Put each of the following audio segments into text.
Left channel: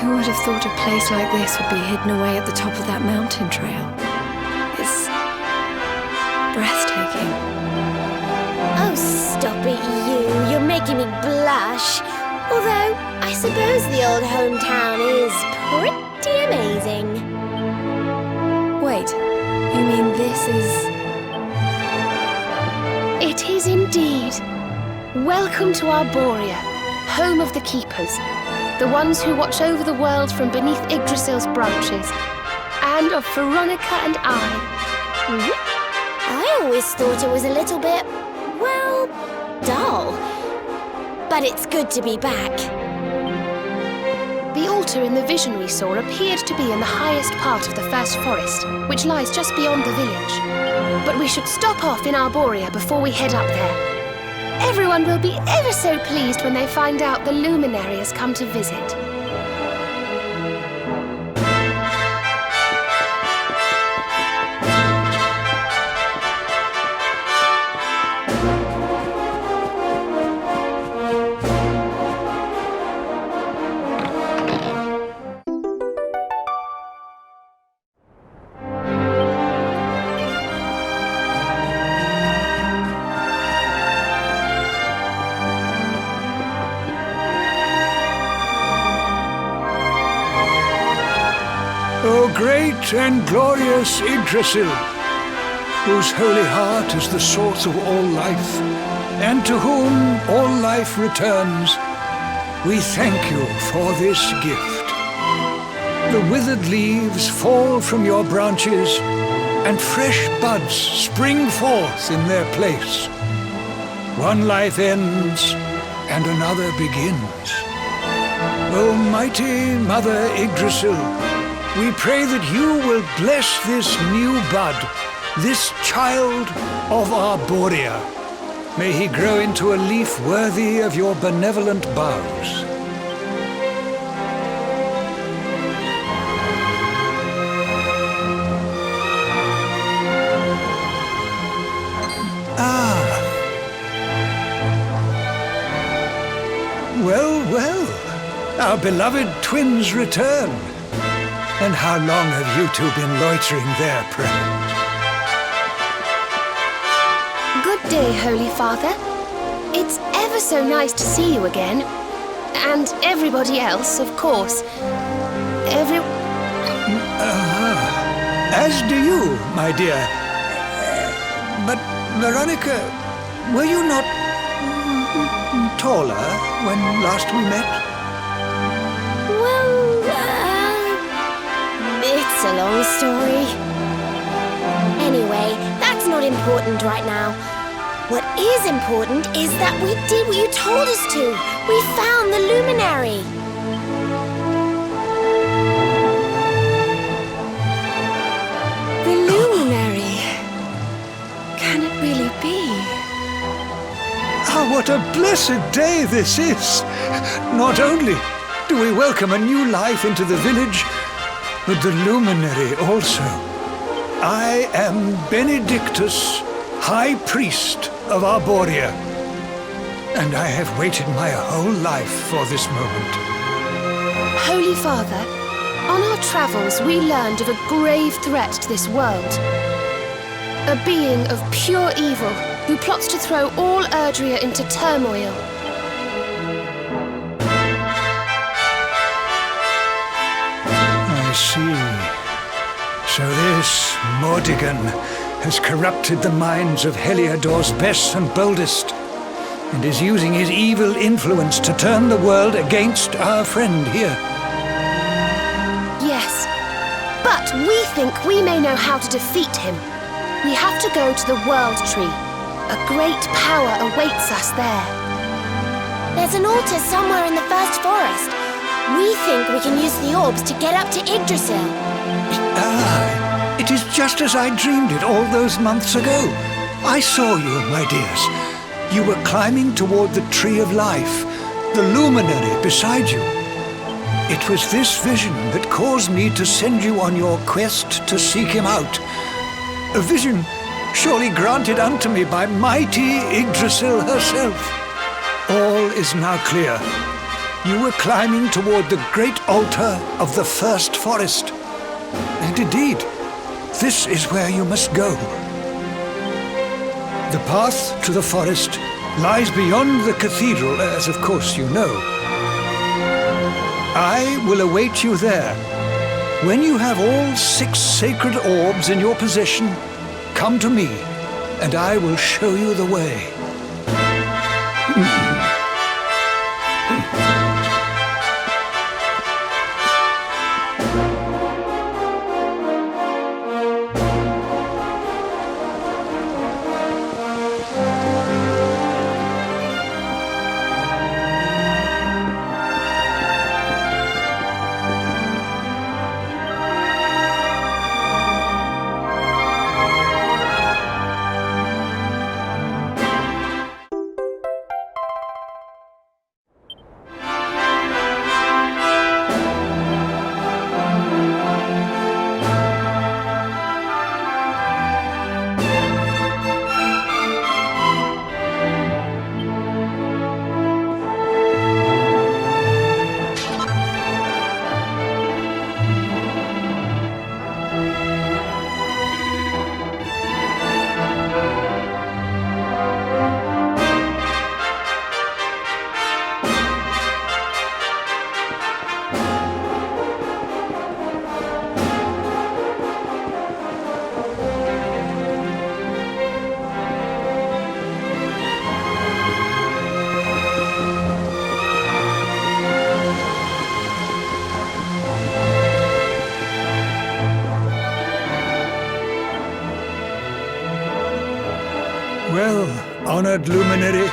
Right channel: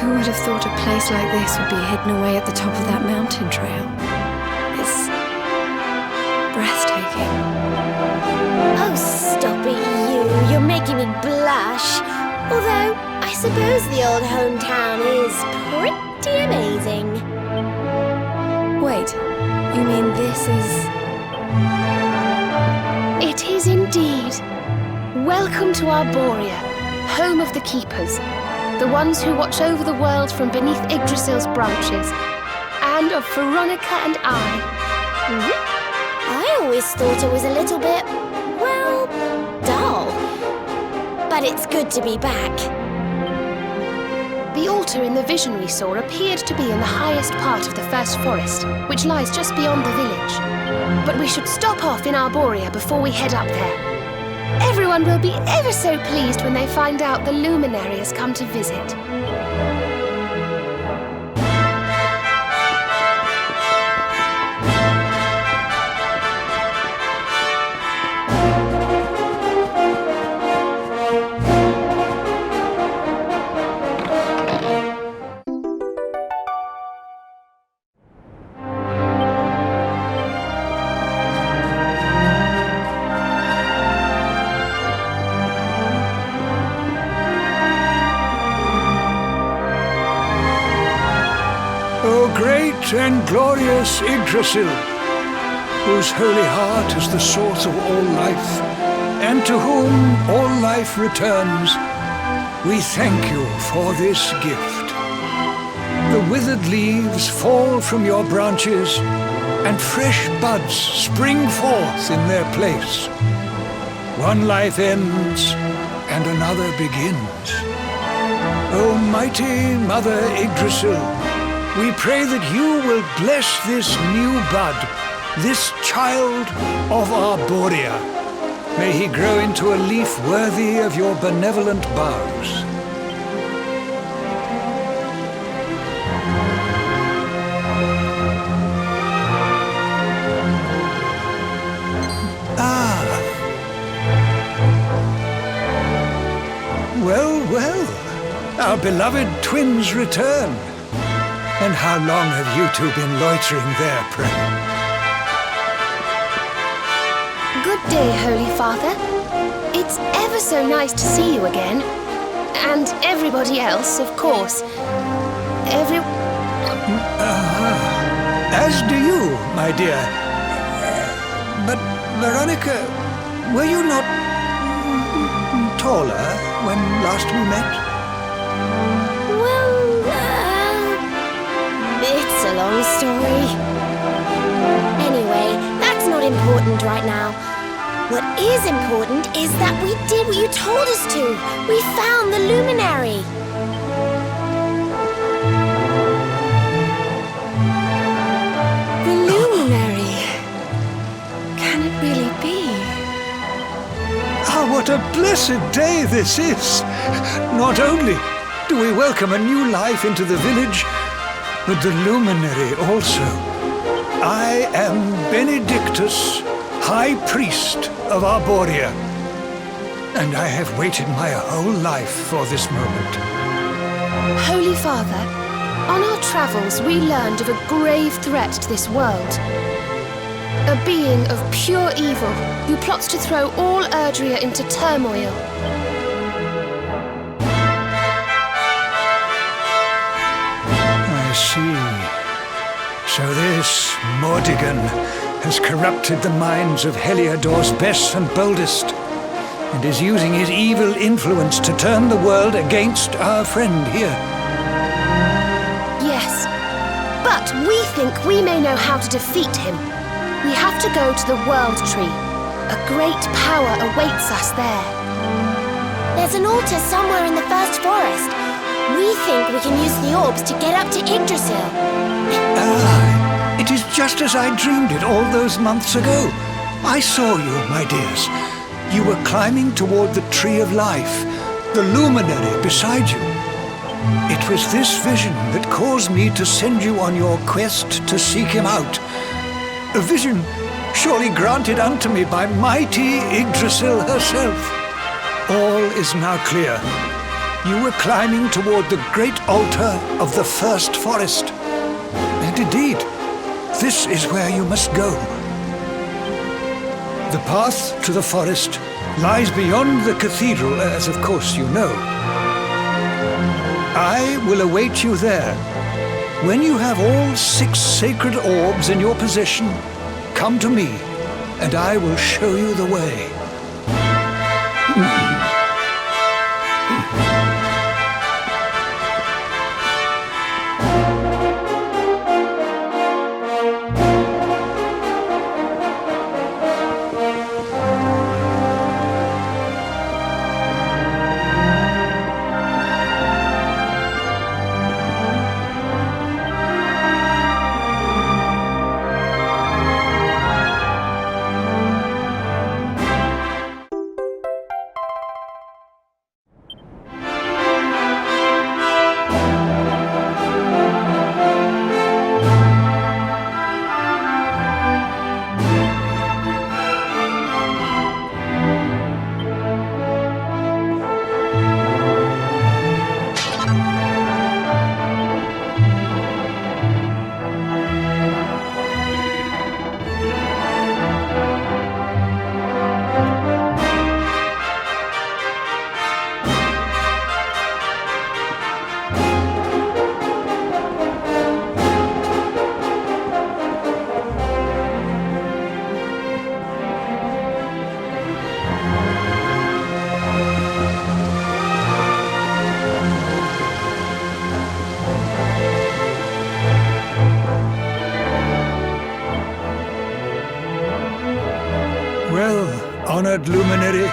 Who would have thought a place like this would be hidden away at the top of that mountain trail? It's breathtaking. Oh, stop it, you. You're making me blush. Although, I suppose the old hometown is pretty amazing. Wait, you mean this is... It is indeed. Welcome to Arborea, home of the Keepers, the ones who watch over the world from beneath Yggdrasil's branches, and of Veronica and I. I always thought it was a little bit, well, dull. But it's good to be back. The altar in the vision we saw appeared to be in the highest part of the first forest, which lies just beyond the village. But we should stop off in Arborea before we head up there. Everyone will be ever so pleased when they find out the luminary has come to visit. O great and glorious Yggdrasil, whose holy heart is the source of all life, and to whom all life returns, we thank you for this gift. The withered leaves fall from your branches, and fresh buds spring forth in their place. One life ends, and another begins. O mighty Mother Yggdrasil, we pray that you will bless this new bud, this child of Arborea. May he grow into a leaf worthy of your benevolent boughs. Ah. Well, well, our beloved twins return. And how long have you two been loitering there, pray? Good day, Holy Father. It's ever so nice to see you again. And everybody else, of course. As do you, my dear. But, Veronica, were you not taller when last we met? It's a long story. Anyway, that's not important right now. What is important is that we did what you told us to. We found the luminary. The luminary. Can it really be? Ah, what a blessed day this is! Not only do we welcome a new life into the village, but the luminary also. I am Benedictus, High Priest of Arborea, and I have waited my whole life for this moment. Holy Father, on our travels we learned of a grave threat to this world. A being of pure evil who plots to throw all Erdrea into turmoil. I see. So this Mordigan has corrupted the minds of Heliodor's best and boldest, and is using his evil influence to turn the world against our friend here. Yes, but we think we may know how to defeat him. We have to go to the World Tree. A great power awaits us there. There's an altar somewhere in the first forest. We think we can use the orbs to get up to Yggdrasil. Ah, it is just as I dreamed it all those months ago. I saw you, my dears. You were climbing toward the Tree of Life, the luminary beside you. It was this vision that caused me to send you on your quest to seek him out. A vision surely granted unto me by mighty Yggdrasil herself. All is now clear. You were climbing toward the great altar of the first forest. And indeed, this is where you must go. The path to the forest lies beyond the cathedral, as of course you know. I will await you there. When you have all 6 sacred orbs in your possession, come to me, and I will show you the way. Well, honored luminary,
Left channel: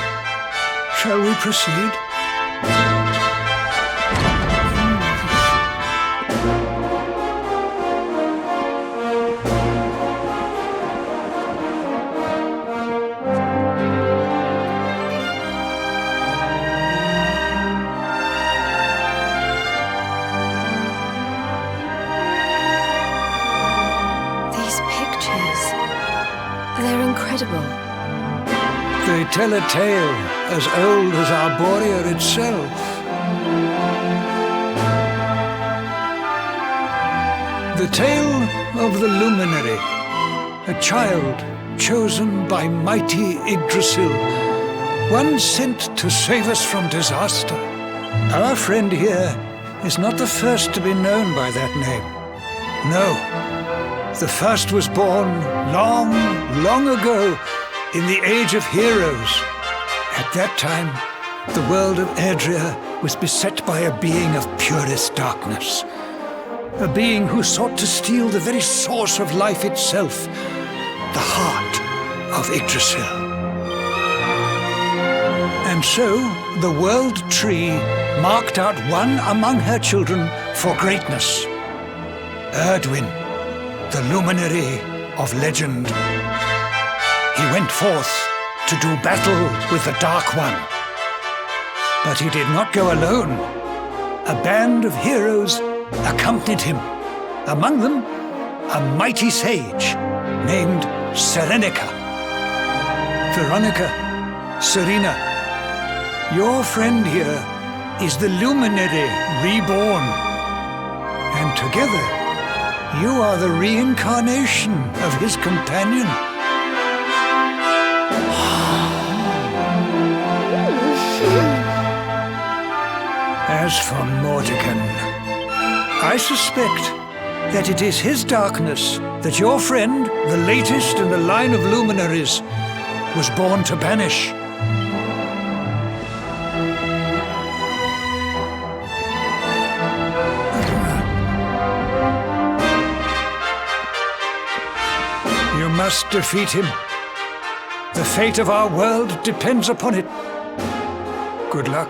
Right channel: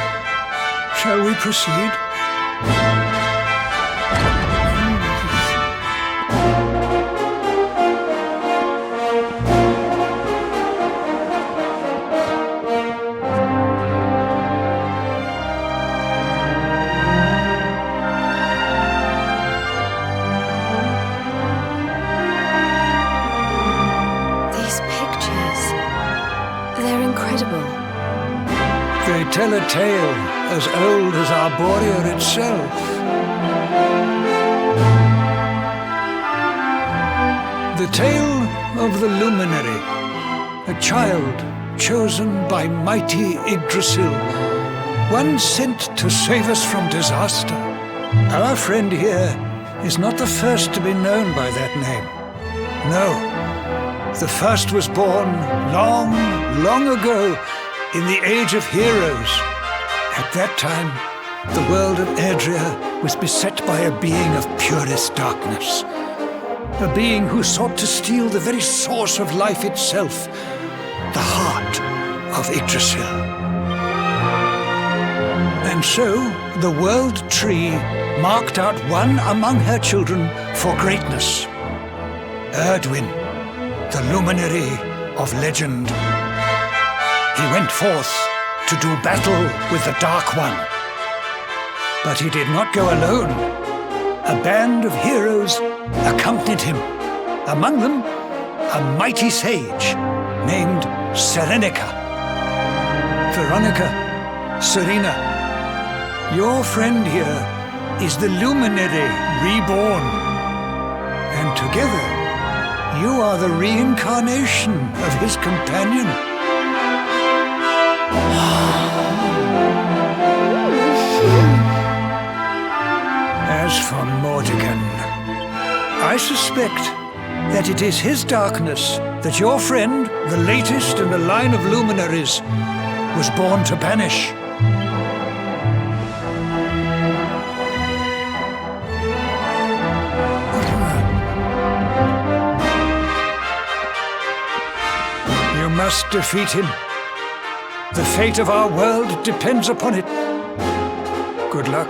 shall we proceed? These pictures, they're incredible. They tell a tale as old as Arborea itself. The tale of the luminary, a child chosen by mighty Yggdrasil, one sent to save us from disaster. Our friend here is not the first to be known by that name. No, the first was born long, long ago, in the Age of Heroes. At that time, the world of Erdrea was beset by a being of purest darkness. A being who sought to steal the very source of life itself, the heart of Yggdrasil. And so, the World Tree marked out one among her children for greatness. Erdwin, the luminary of legend. He went forth to do battle with the Dark One. But he did not go alone. A band of heroes accompanied him. Among them, a mighty sage named Serenica. Veronica, Serena, your friend here is the luminary reborn. And together, you are the reincarnation of his companion. As for Mordekan, I suspect that it is his darkness that your friend, the latest in the line of luminaries, was born to banish. You must defeat him. The fate of our world depends upon it. Good luck.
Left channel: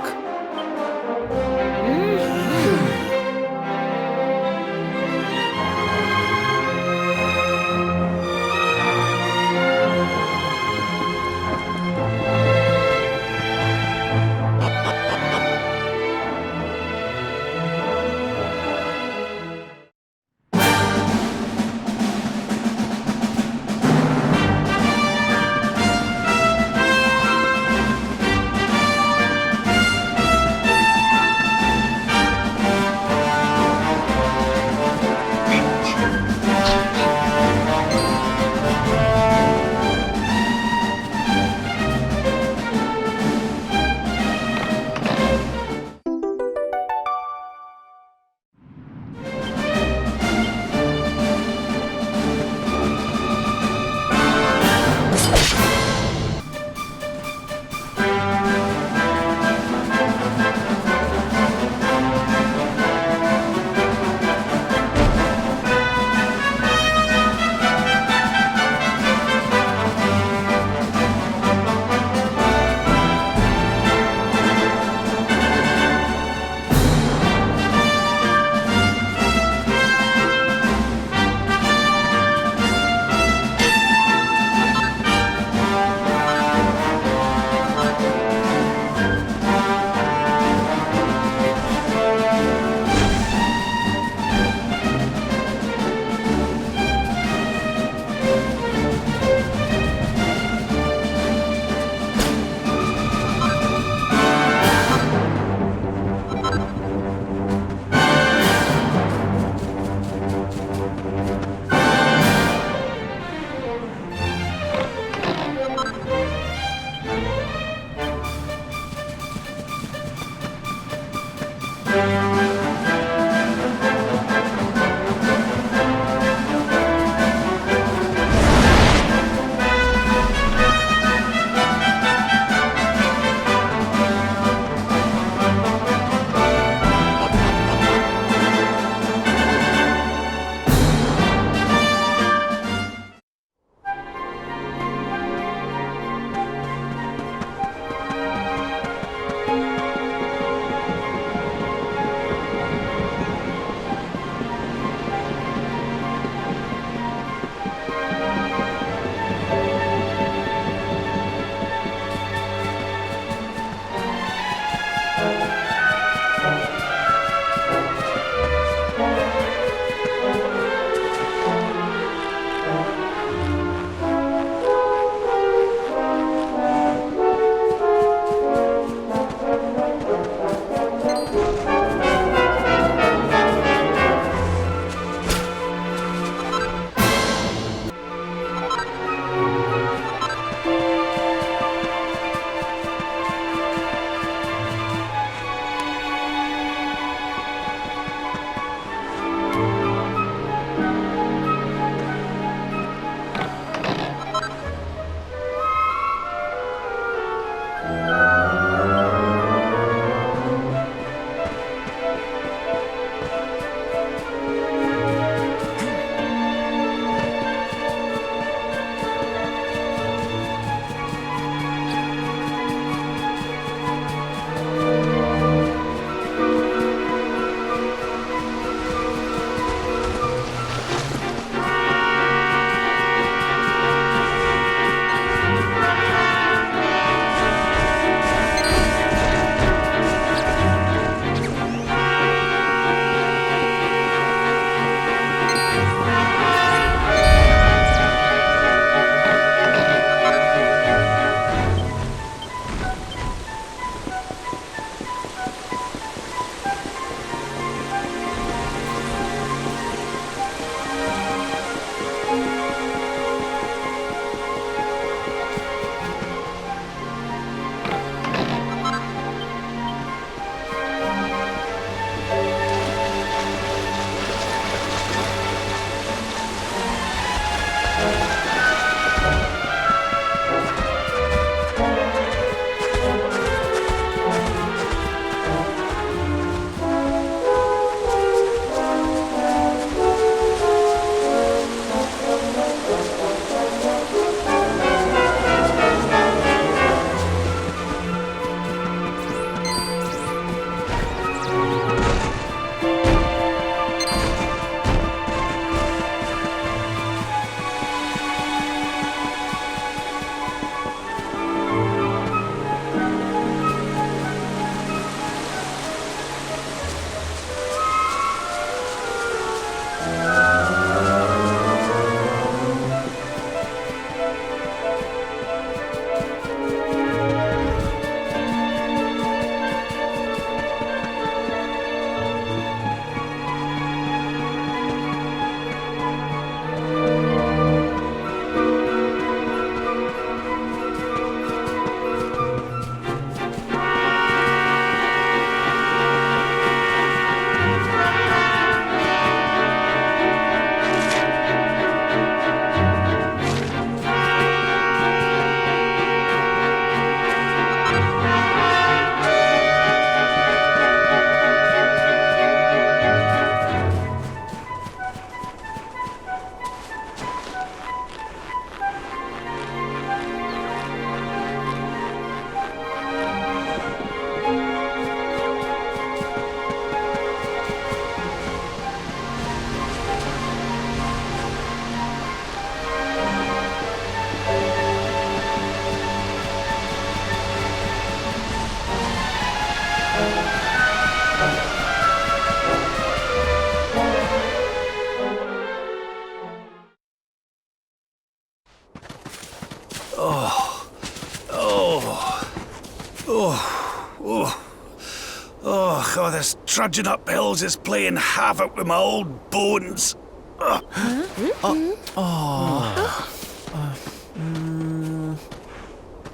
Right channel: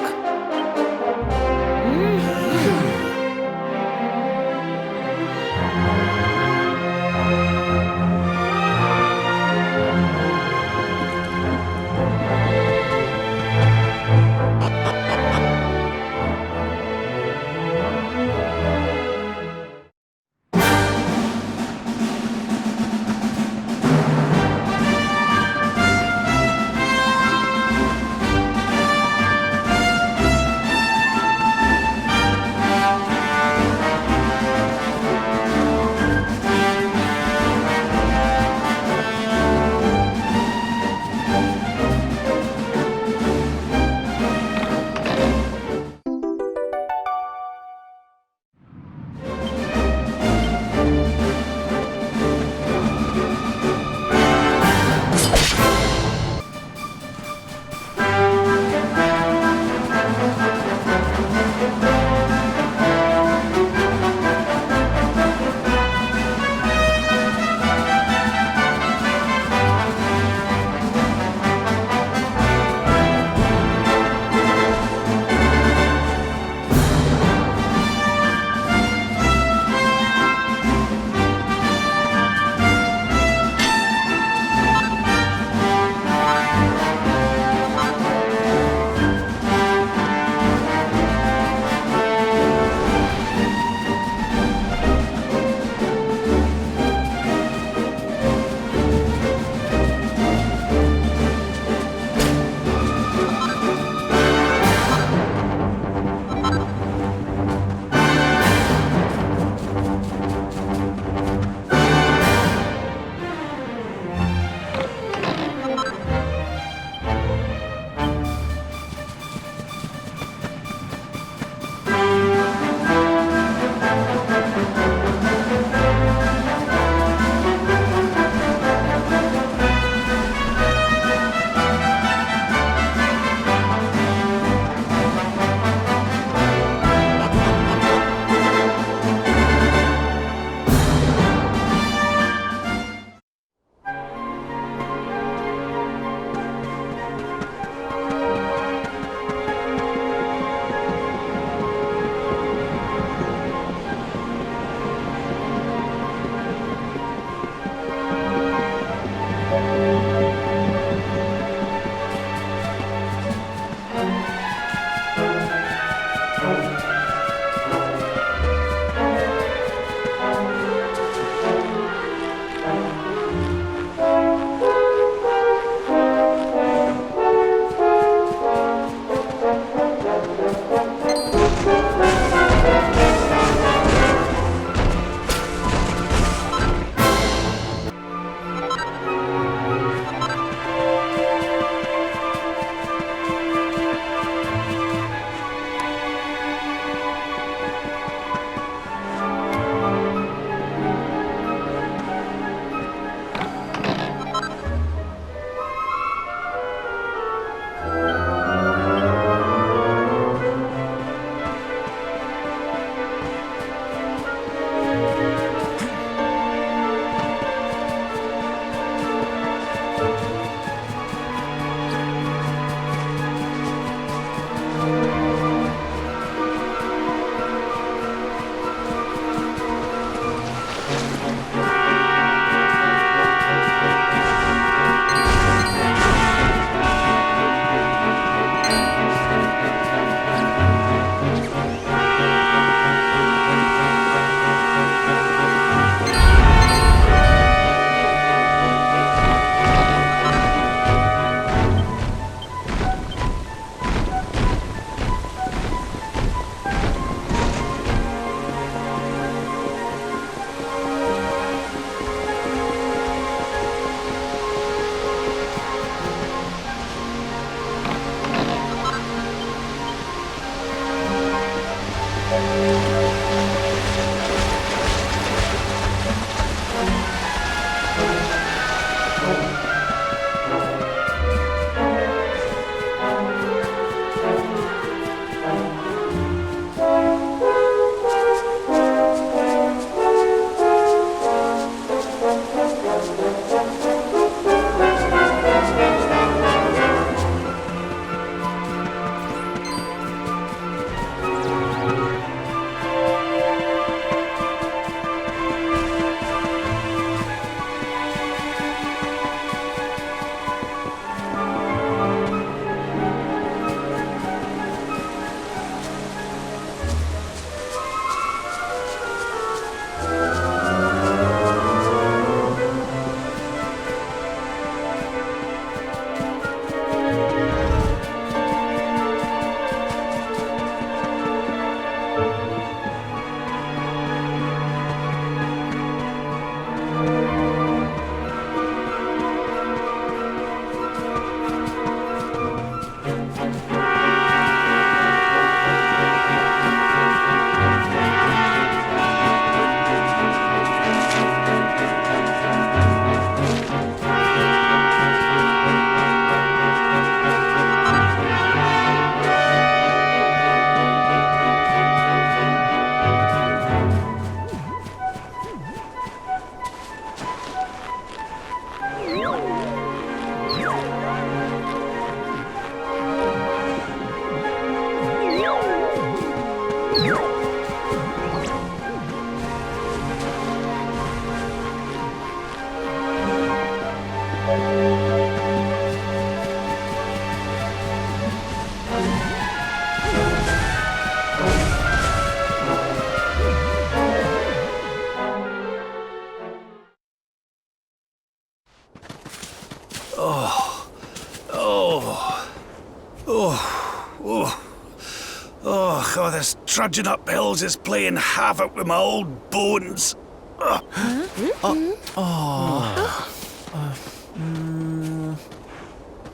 this trudging up hills is playing havoc with my old bones.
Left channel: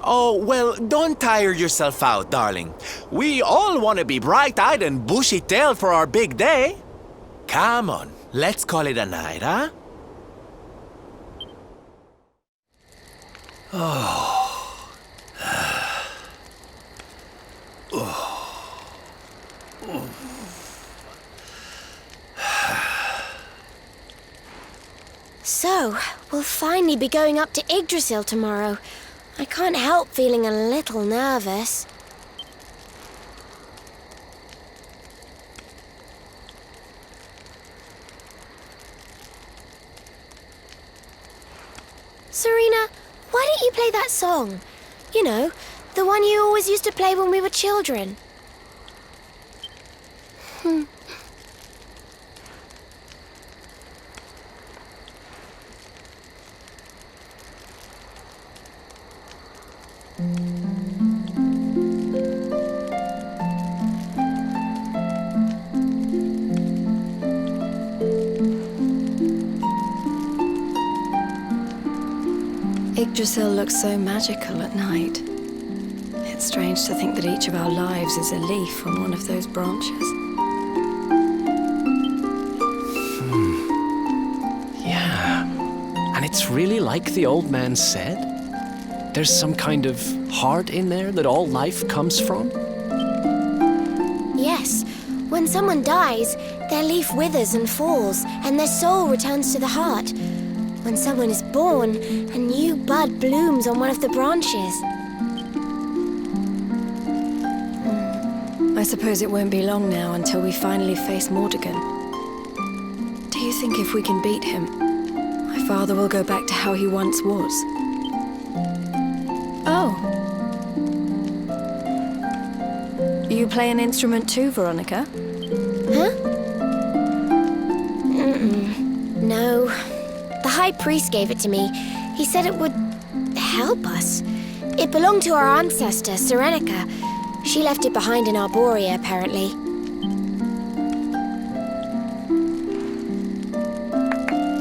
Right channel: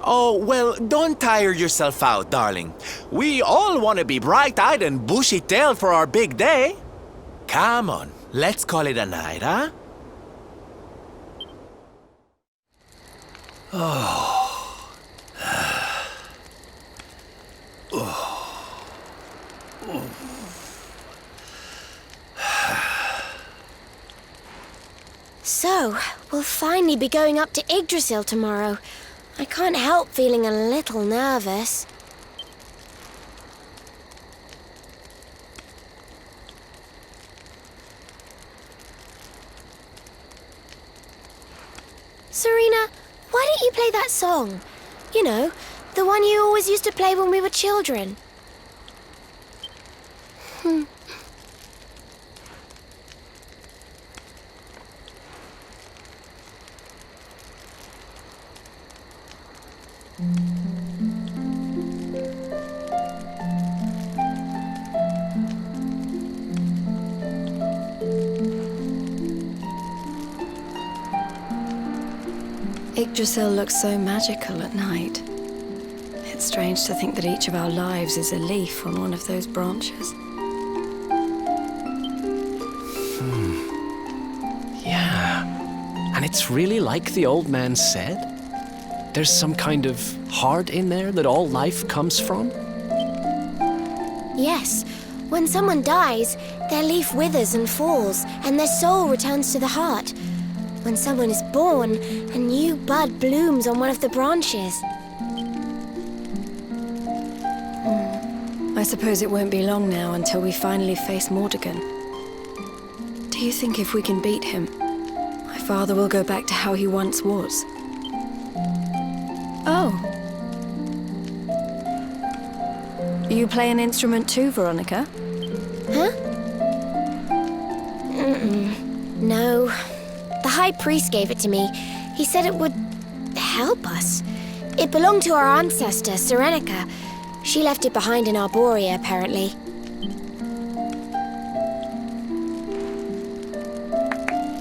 Oh, well, don't tire yourself out, darling. We all want to be bright-eyed and bushy-tailed for our big day. Come on, let's call it a night, huh? So, we'll finally be going up to Yggdrasil tomorrow. I can't help feeling a little nervous. Serena, why don't you play that song? You know, the one you always used to play when we were children. Yggdrasil looks so magical at night. It's strange to think that each of our lives is a leaf on one of those branches. Yeah. And it's really like the old man said? There's some kind of heart in there that all life comes from? Yes, when someone dies, their leaf withers and falls, and their soul returns to the heart. When someone is born, a new bud blooms on one of the branches. I suppose it won't be long now until we finally face Mordegon. Do you think if we can beat him, my father will go back to how he once was? Oh. You play an instrument too, Veronica? Huh? No. The High Priest gave it to me. He said it would help us. It belonged to our ancestor, Serenica. She left it behind in Arborea, apparently.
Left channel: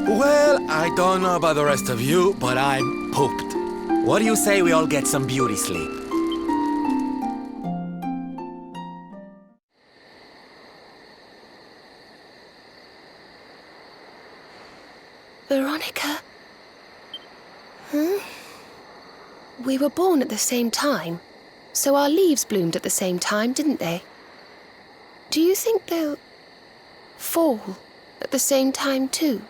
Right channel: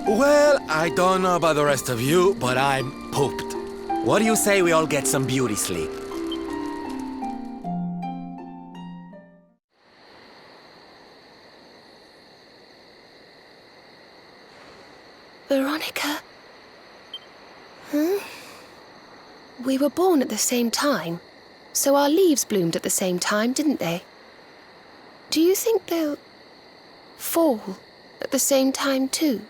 Well, I don't know about the rest of you, but I'm pooped. What do you say we all get some beauty sleep? Veronica? We were born at the same time, so our leaves bloomed at the same time, didn't they? Do you think they'll fall at the same time too?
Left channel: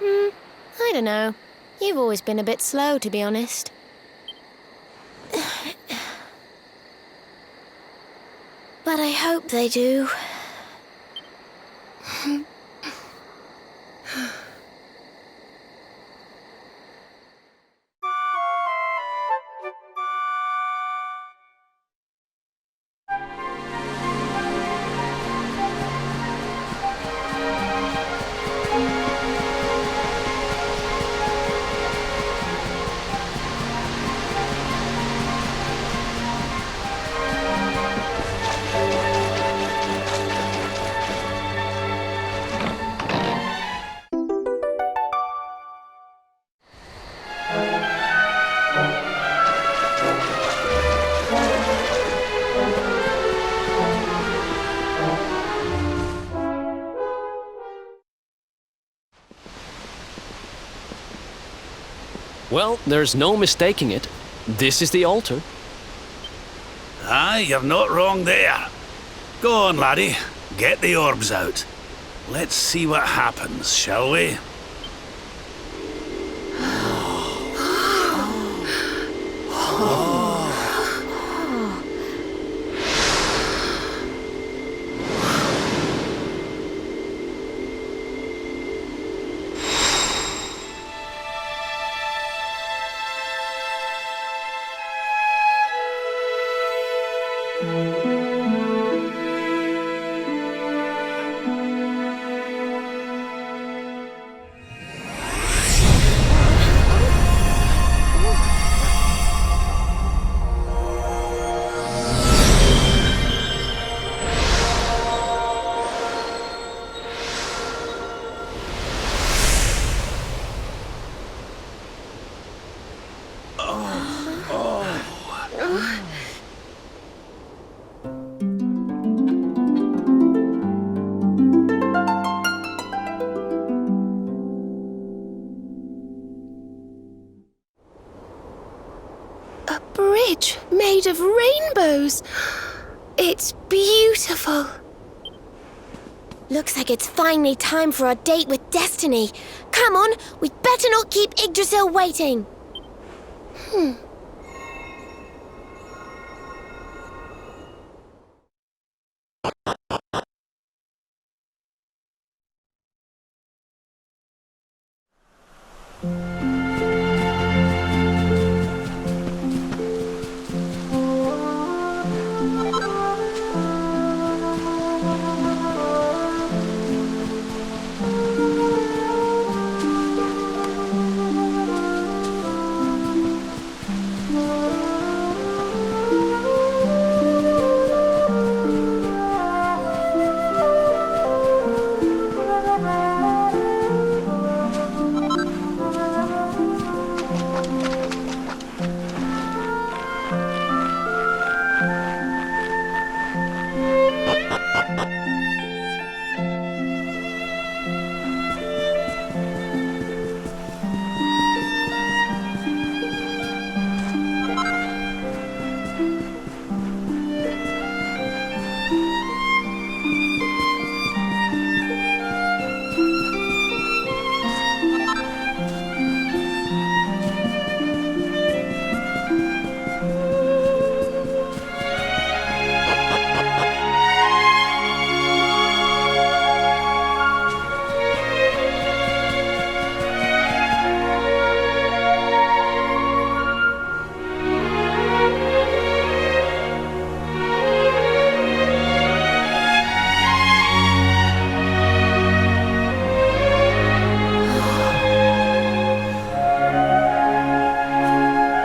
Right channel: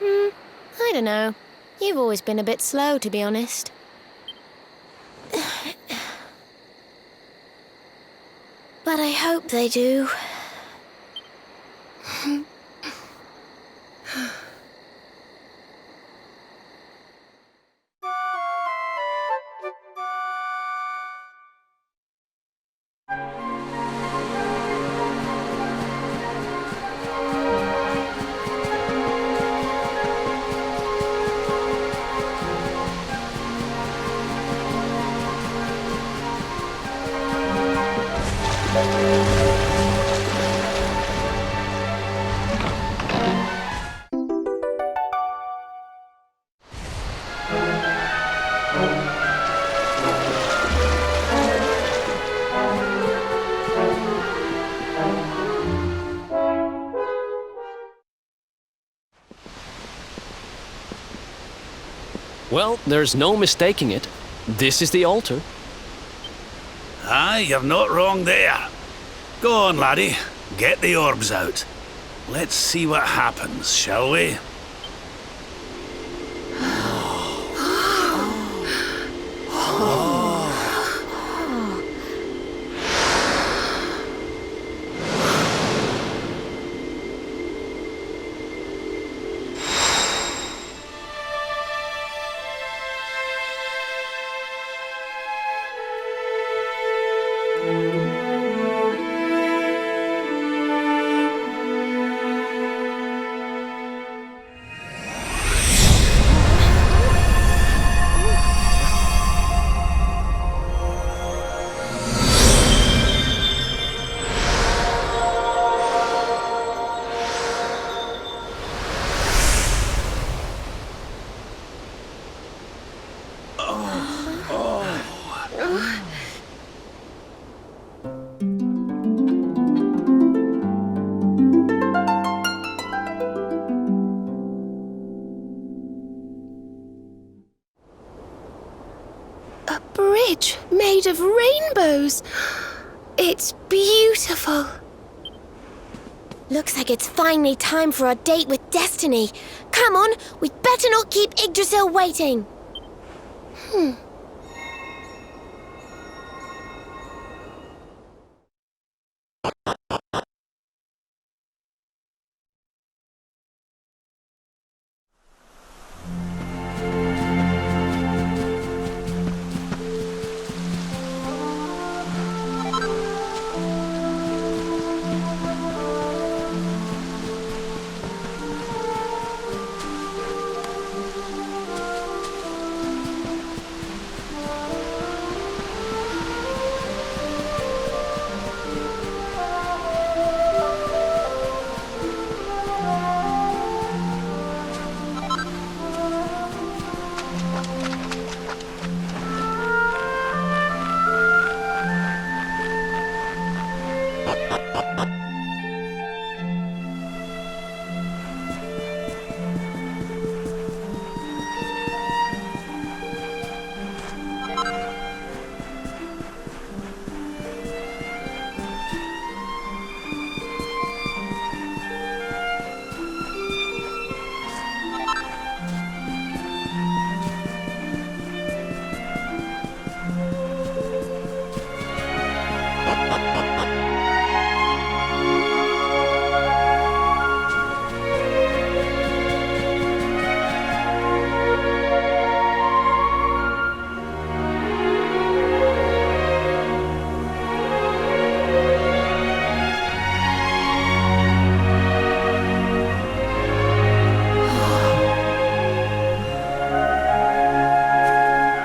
I don't know. You've always been a bit slow, to be honest. But I hope they do. Well, there's no mistaking it. This is the altar. Aye, you're not wrong there. Go on, laddie. Get the orbs out. Let's see what happens, shall we? A bridge made of rainbows. It's beautiful. Looks like it's finally time for our date with Destiny. Come on, we'd better not keep Yggdrasil waiting.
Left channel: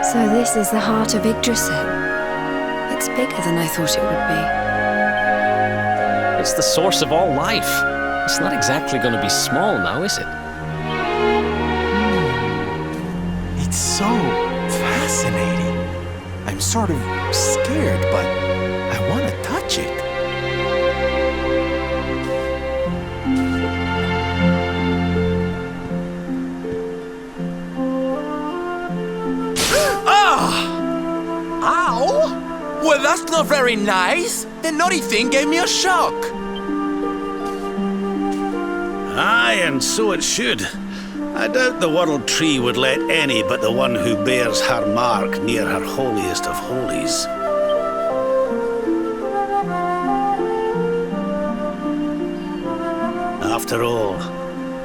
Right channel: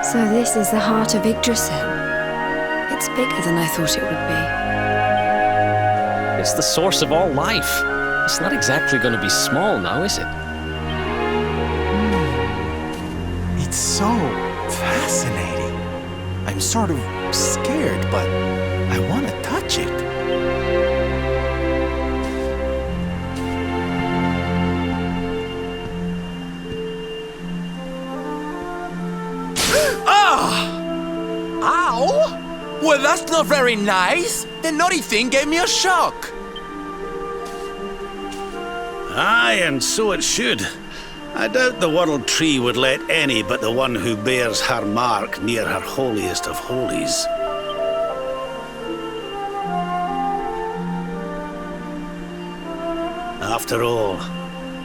So this is the heart of Yggdrasil. It's bigger than I thought it would be. It's the source of all life. It's not exactly going to be small now, is it? It's so fascinating. I'm sort of scared, but I want to touch it. Ow! Well, that's not very nice. The naughty thing gave me a shock. Aye, and so it should. I doubt the World Tree would let any but the one who bears her mark near her holiest of holies. After all,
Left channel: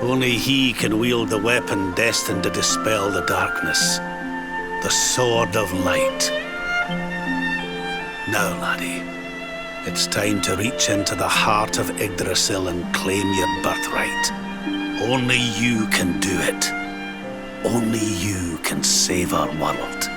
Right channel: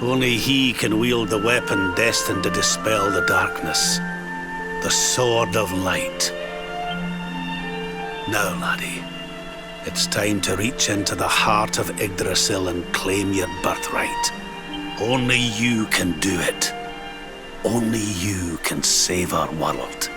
only he can wield the weapon destined to dispel the darkness. The Sword of Light. Now, laddie, it's time to reach into the heart of Yggdrasil and claim your birthright. Only you can do it. Only you can save our world.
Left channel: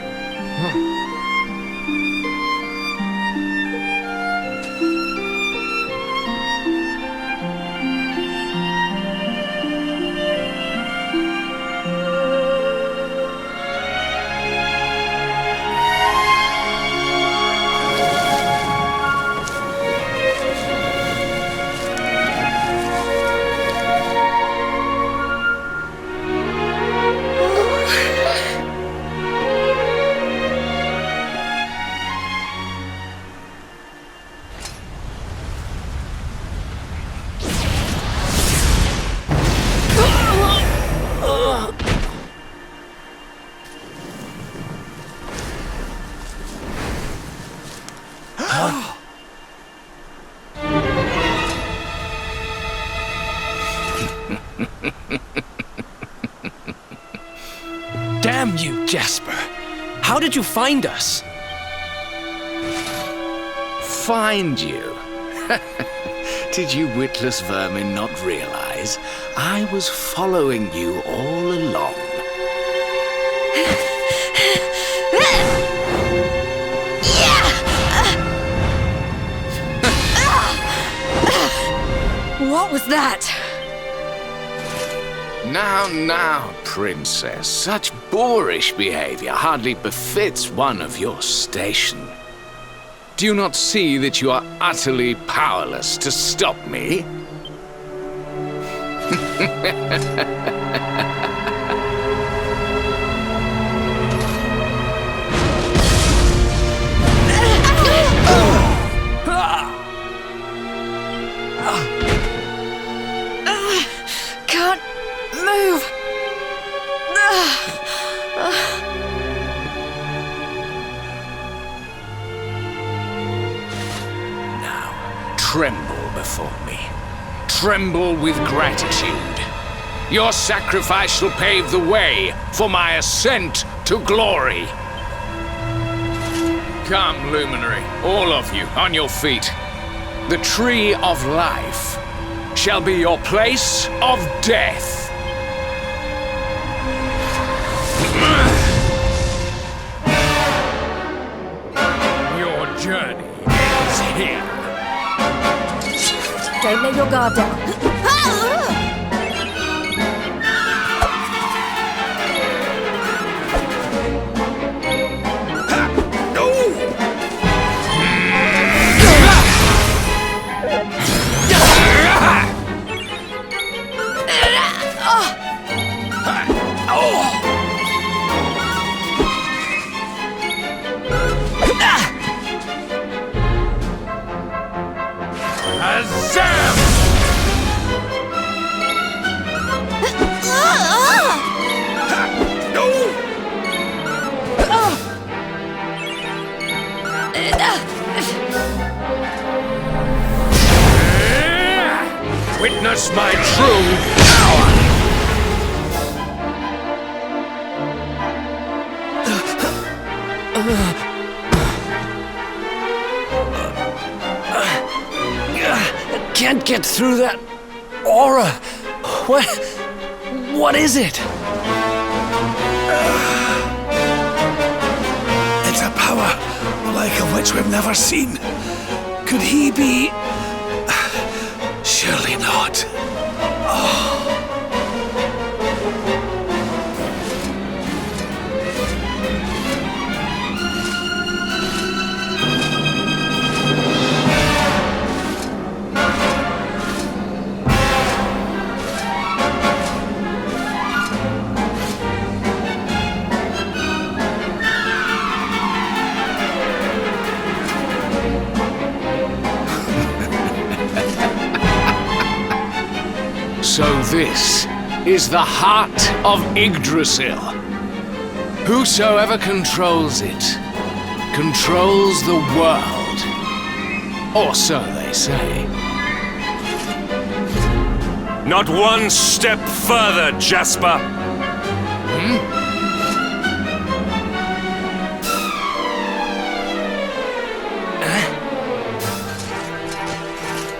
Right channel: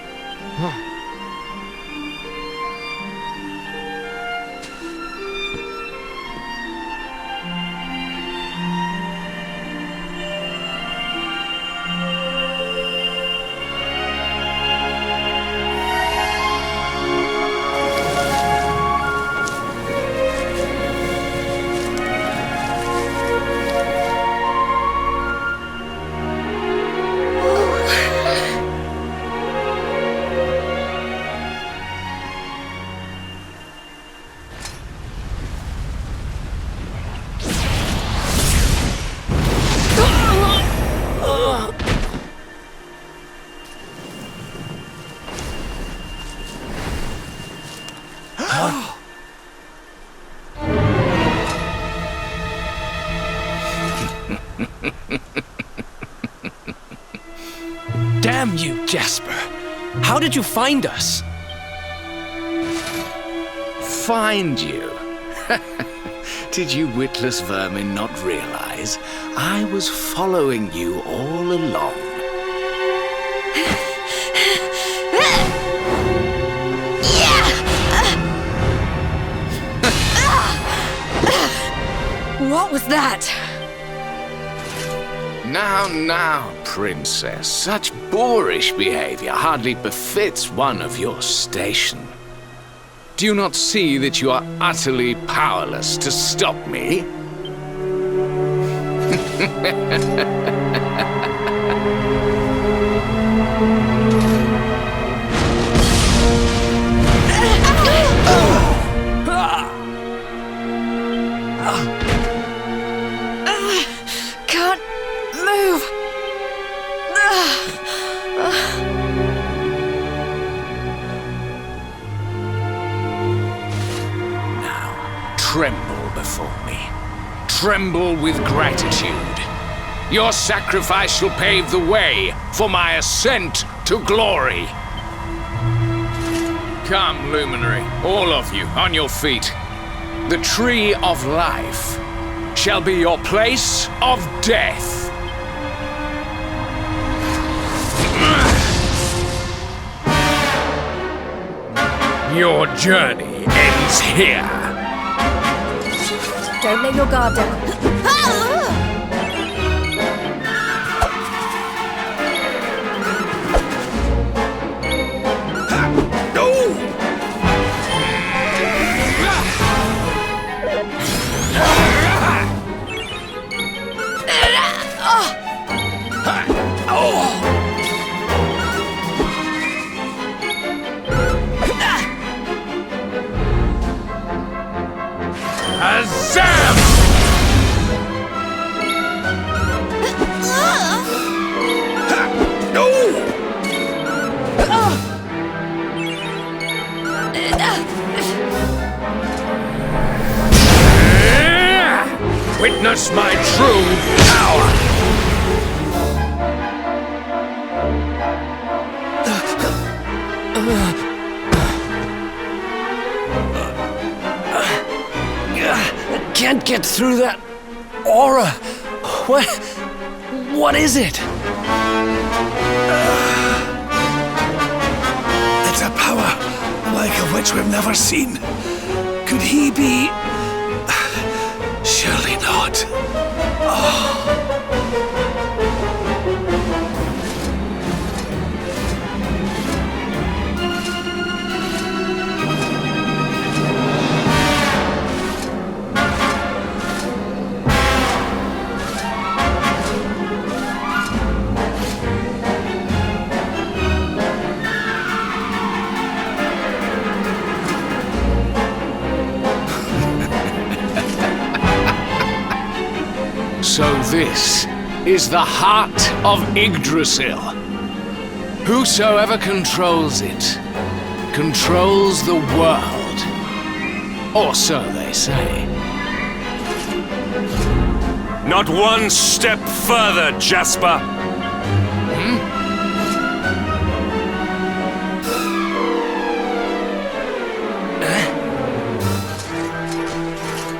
Damn you, Jasper! How did you find us? Find you? Did you witless vermin not realize I was following you all along? What was that? Now, princess, such boorish behavior hardly befits one of your station. Do you not see that you are utterly powerless to stop me? Can't move. Now, tremble before me. Tremble with gratitude. Your sacrifice shall pave the way for my ascent to glory. Come, Luminary, all of you, on your feet. The Tree of Life shall be your place of death. Your journey ends here. Don't let your guard down. Azam! Witness my true power! I can't get through that aura. What is it? It's a power the like of which we've never seen. Could he be... Surely not. So this is the heart of Yggdrasil. Whosoever controls it, controls the world. Or so they say. Not one step further, Jasper!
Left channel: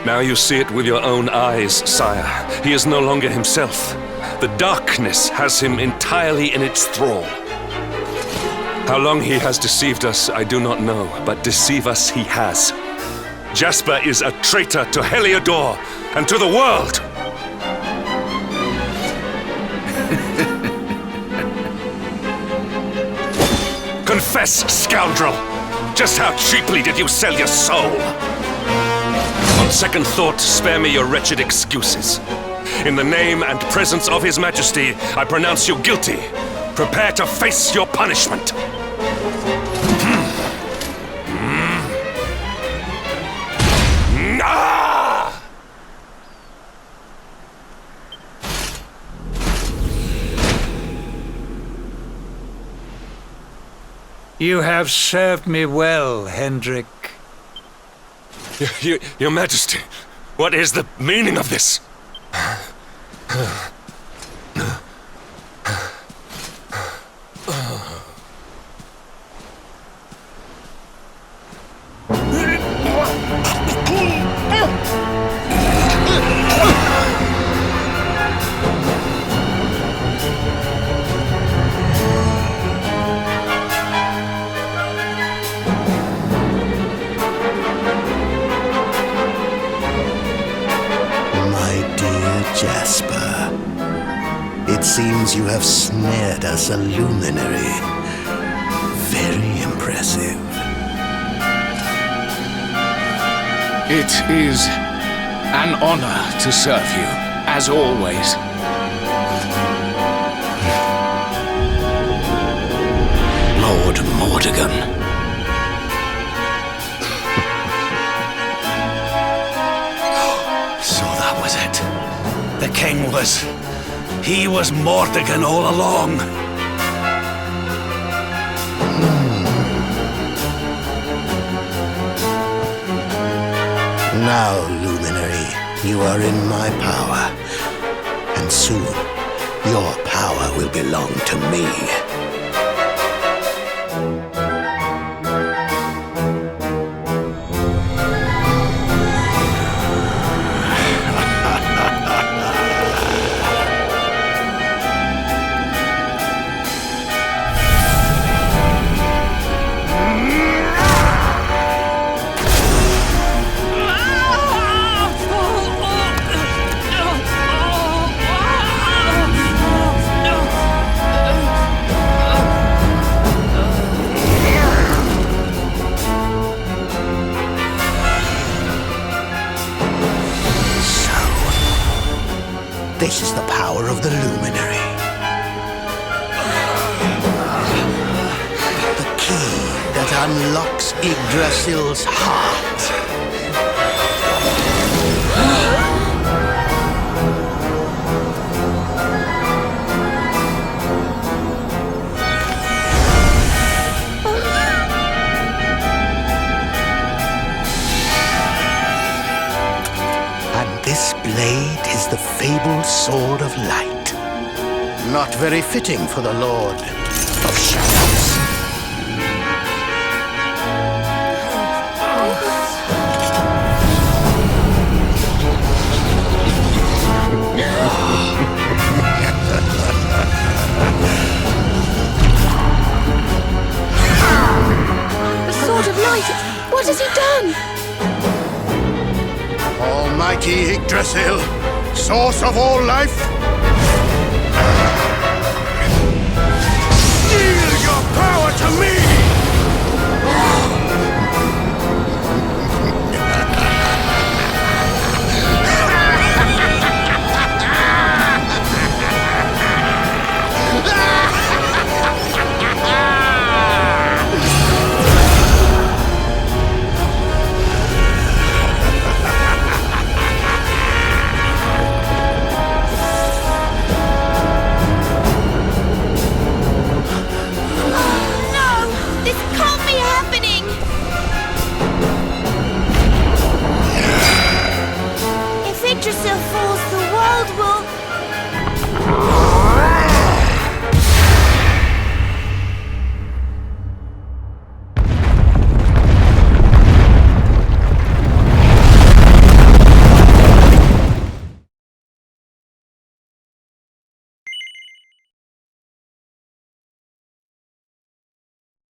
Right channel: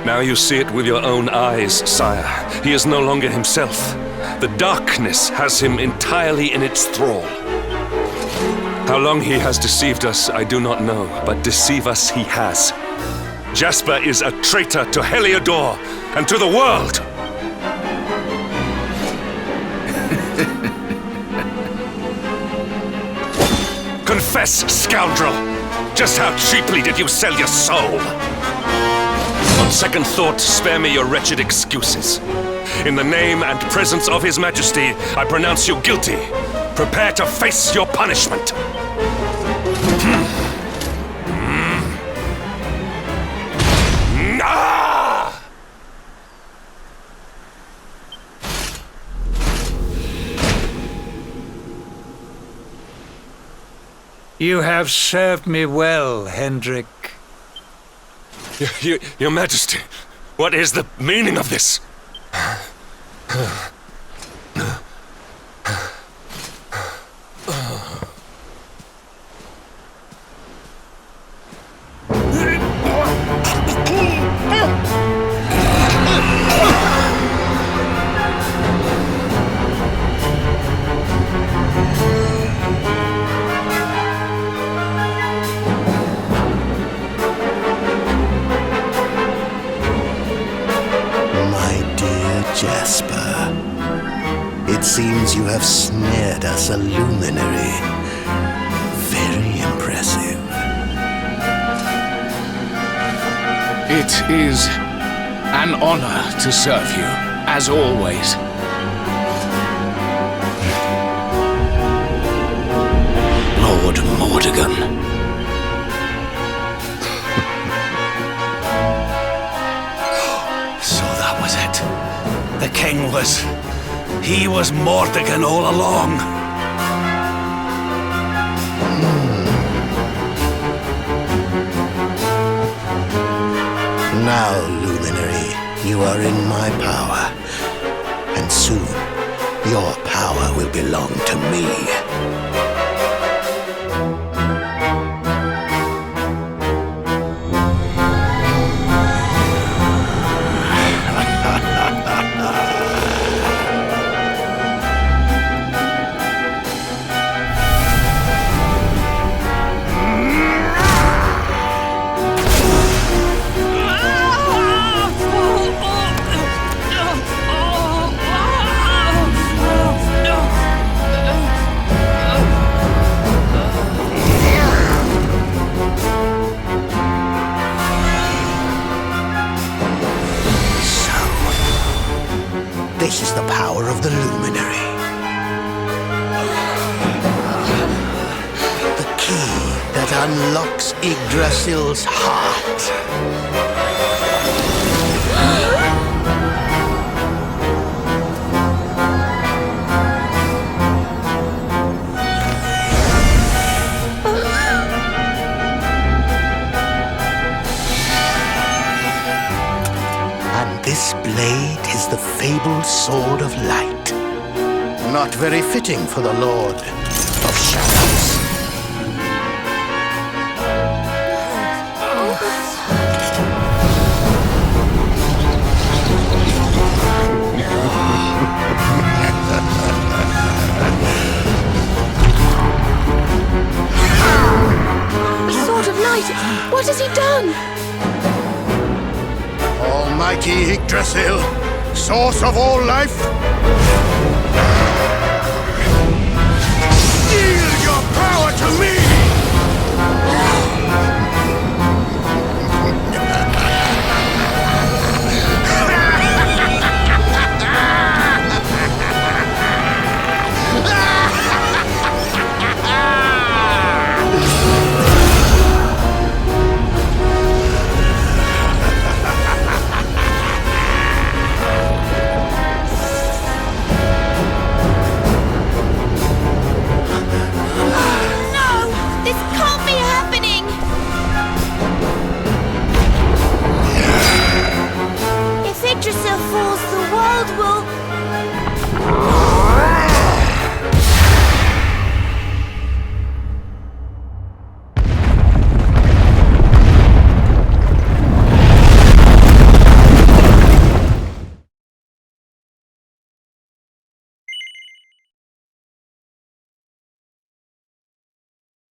Now you see it with your own eyes, sire. He is no longer himself. The darkness has him entirely in its thrall. How long he has deceived us, I do not know, but deceive us he has. Jasper is a traitor to Heliodor and to the world! Confess, scoundrel! Just how cheaply did you sell your soul? On second thought, spare me your wretched excuses. In the name and presence of His Majesty, I pronounce you guilty. Prepare to face your punishment. You have served me well, Hendrik. Your Majesty, what is the meaning of this? Jasper, it seems you have snared us a luminary. Very impressive. It is an honor to serve you, as always. Lord Mordegon. So that was it. The king was... He was Mordegon all along. Now, Luminary, you are in my power. And soon, your power will belong to me. This is the power of the Luminary. The key that unlocks Yggdrasil's heart. And this blade is the fabled Sword of Light. Not very fitting for the Lord of Shadows. The Sword of Light! What has he done? Almighty Yggdrasil, source of all life, yield your power to me! Yggdrasil falls, the world will